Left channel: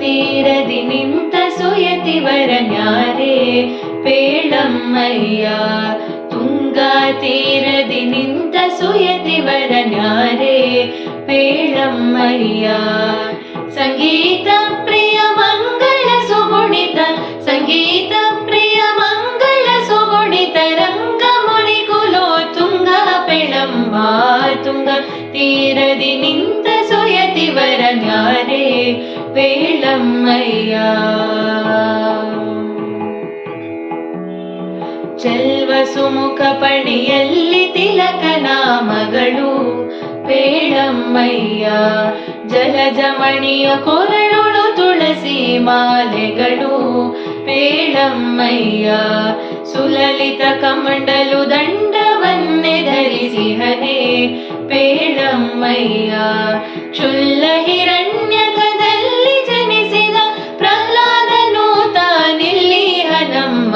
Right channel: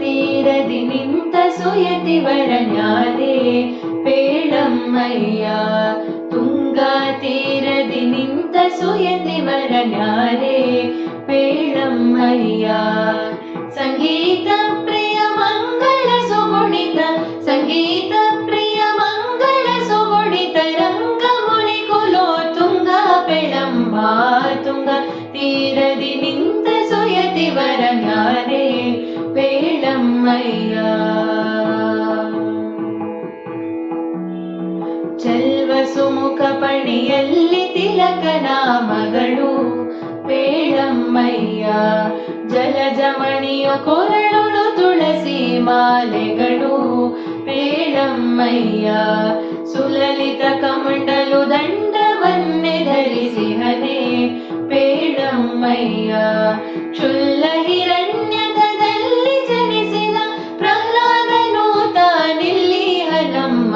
ತೀರದಿ ನಿಂತ ಸುಯತಿವರನ್ಯಾರೇ ಪೇಳಮ್ಮಯ್ಯ. ತುಂಗಾ ತೀರದಿ ನಿಂತ ಸುಯತಿವರನ್ಯಾರೇ ಪೇಳಮ್ಮಯ್ಯ. ಸಂಗೀತ ಪ್ರಿಯ ಮಂಗಳ ಸುಗುಣಿತ, ಸಂಗೀತ ಪ್ರಿಯ ಮಂಗಳ ಸುಗುಣಿತ ರಂಗ ಮುನಿ ಕುಲೋ ತುಂಗ ಪೇಳಮ್ಮ. ತುಂಗ ತೀರದಿ ನಿಂತ ಸುಯತಿವರನ್ಯಾರೇ ಪೇಳಮ್ಮಯ್ಯ. ಚೆಲ್ವ ಸುಮುಖ ಪಣಿಯಲ್ಲಿ ತಿಲಕನ ಮಗಳು ಪೇಳಮ್ಮಯ್ಯ. ಜಲಜಮಣಿಯ ಕೊರಳುಳು ತುಳಸಿ ಮಾಲೆಗಳು ಪೇಳಮ್ಮಯ್ಯ. ಸುಲಲಿತ ಕಮಂಡಲು ದಂಡವನ್ನೇ ಧರಿಸಿ ಹರೇ ಪೇಳಮ್ಮಯ್ಯ. ಕ್ಷುಲ್ಲ ಹಿರಣ್ಯಕದಲ್ಲಿ ಜನಿಸಿದ ಪ್ರಹ್ಲಾದನು ತಾನಿಲ್ಲಿ ಹನಮ್ಮ.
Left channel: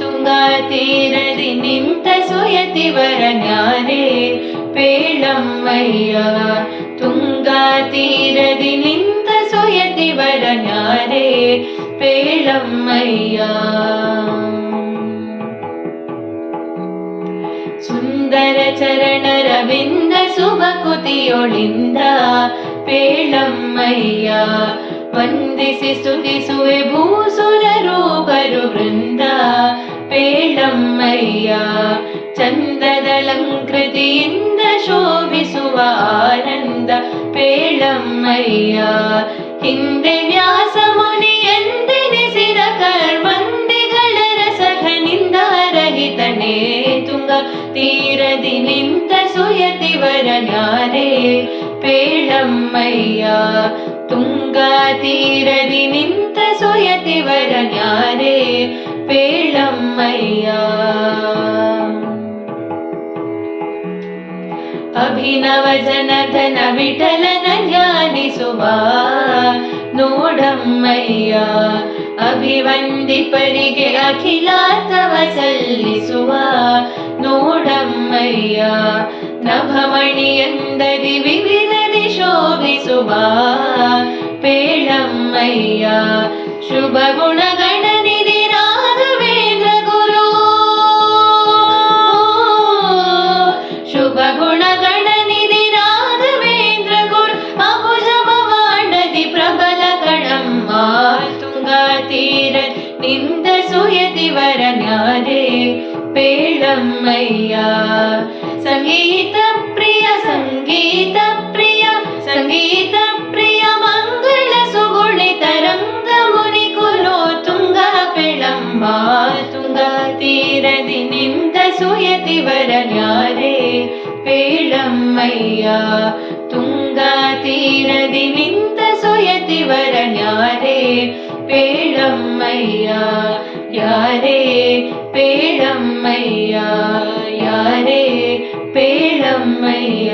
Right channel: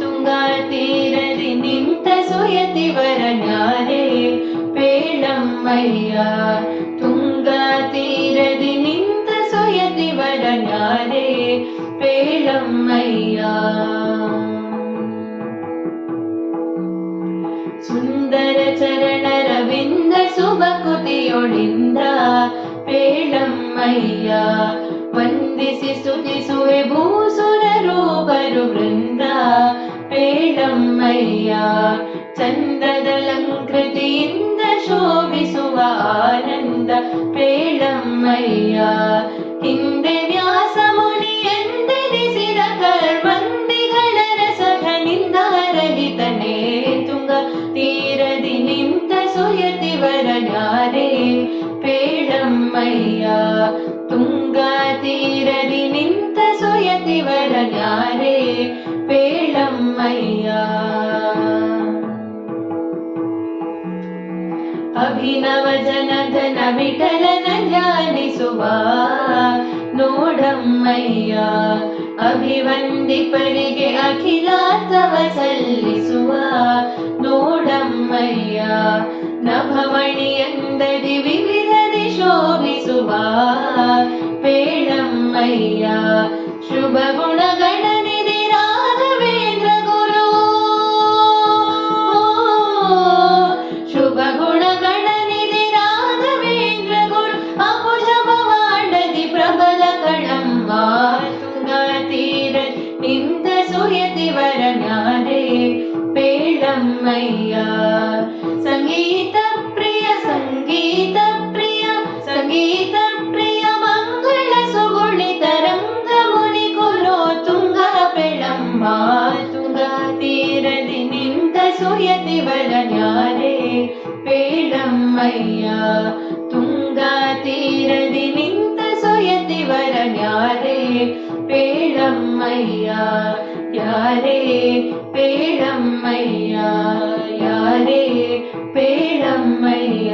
ತುಂಗಾ ತೀರದಿ ನಿಂತ ಸುಯತಿವರನ್ಯಾರೇ ಪೇಳಮ್ಮಯ್ಯ. ತುಂಗಾ ತೀರದಿ ನಿಂತ ಸುಯತಿವರನ್ಯಾರೇ ಪೇಳಮ್ಮಯ್ಯ. ಸುಂದರ ಚರಣರವಿಂದ ಸುಭಕುತಿಯೊಳಿಂದ ಪೇಳಮ್ಮಯ್ಯ. ವಂದಿಸಿ ಸ್ತುತಿಸುವೆ ಭೂಸುರರು ಬರು ವೃಂದ ಪೇಳಮ್ಮಯ್ಯ. ಚಂದದಲಂಕೃತಿಯಿಂದ ಶೋಭಿಸುವ ಆನಂದ ಪೇಳಮ್ಮಯ್ಯ. ಹಿಂದೆ ವ್ಯಾಸ ಮುನಿ ಎಂದೆನಿಸಿದ ಕರ್ಮಂದಿಗಳ ರಸಖನಿಂದ ರಹಿತನೇ ತುಂಗ ತೀರದಿ ನಿಂತ ಸುಯತಿವರನ್ಯಾರೇ ಪೇಳಮ್ಮಯ್ಯ. ತುಂಗಾ ತೀರದಿ ನಿಂತ ಸುಯತಿವರನ್ಯಾರೇ ಪೇಳಮ್ಮಯ್ಯ. ಅಭಿನವ ಜನಧನ ವಿಠಲನ ಧ್ಯಾನಿಸುವ ನೋಡಮ್ಮಯ್ಯ. ಅಭಿವಂದಿಪರಿಗೆ ಅಖಿಲಾರ್ಥವ ಸಲ್ಲಿಸುವ ನೋಡಮ್ಮಯ್ಯ. ನಭಮಣಿಯಂದದಿ ವಿವಿಧದಿ ಶೋಭಿಸುವ ಪೇಳಮ್ಮಯ್ಯ. ಶುಭ ಗುಣಗಣನಿಧಿ ರಾಘವೇಂದ್ರ ಗುರು, ಶುಭ ಗುಣಗಣನಿಧಿ ರಾಘವೇಂದ್ರ ಗುರು. ಅಬುಜ ಭವಾಂಡದಿ ಪ್ರಬಲ ಕಣಮ್ಮ. ತುಂಗಾ ತೀರದಿ ನಿಂತ ಸುಯತಿವರನ್ಯಾರೇ ಪೇಳಮ್ಮಯ್ಯ. ಸಂಗೀತ ಪ್ರಿಯ, ಸಂಗೀತ ಪ್ರಿಯ, ಸಂಗೀತ ಪ್ರಿಯ ಮಂಗಳ ಸುಗುಣಿತ ರಂಗ ಮುನಿ ಕುಲೋ ತುಂಗ ಪೇಳಮ್ಮ. ತುಂಗ ತೀರದಿ ನಿಂತ ಸುಯತಿವರನ್ಯಾರೇ ಪೇಳಮ್ಮಯ್ಯ. ತುಂಗಾ ತೀರದಿ ನಿಂತ ಸುಯತಿವರನ್ಯಾರೇ ಪೇಳಮ್ಮಯ್ಯ. ಯಾರೇ ಪೇಳಮ್ಮಯ್ಯ, ಯಾರೇ ಪೇಳಮ್ಮಯ್ಯ.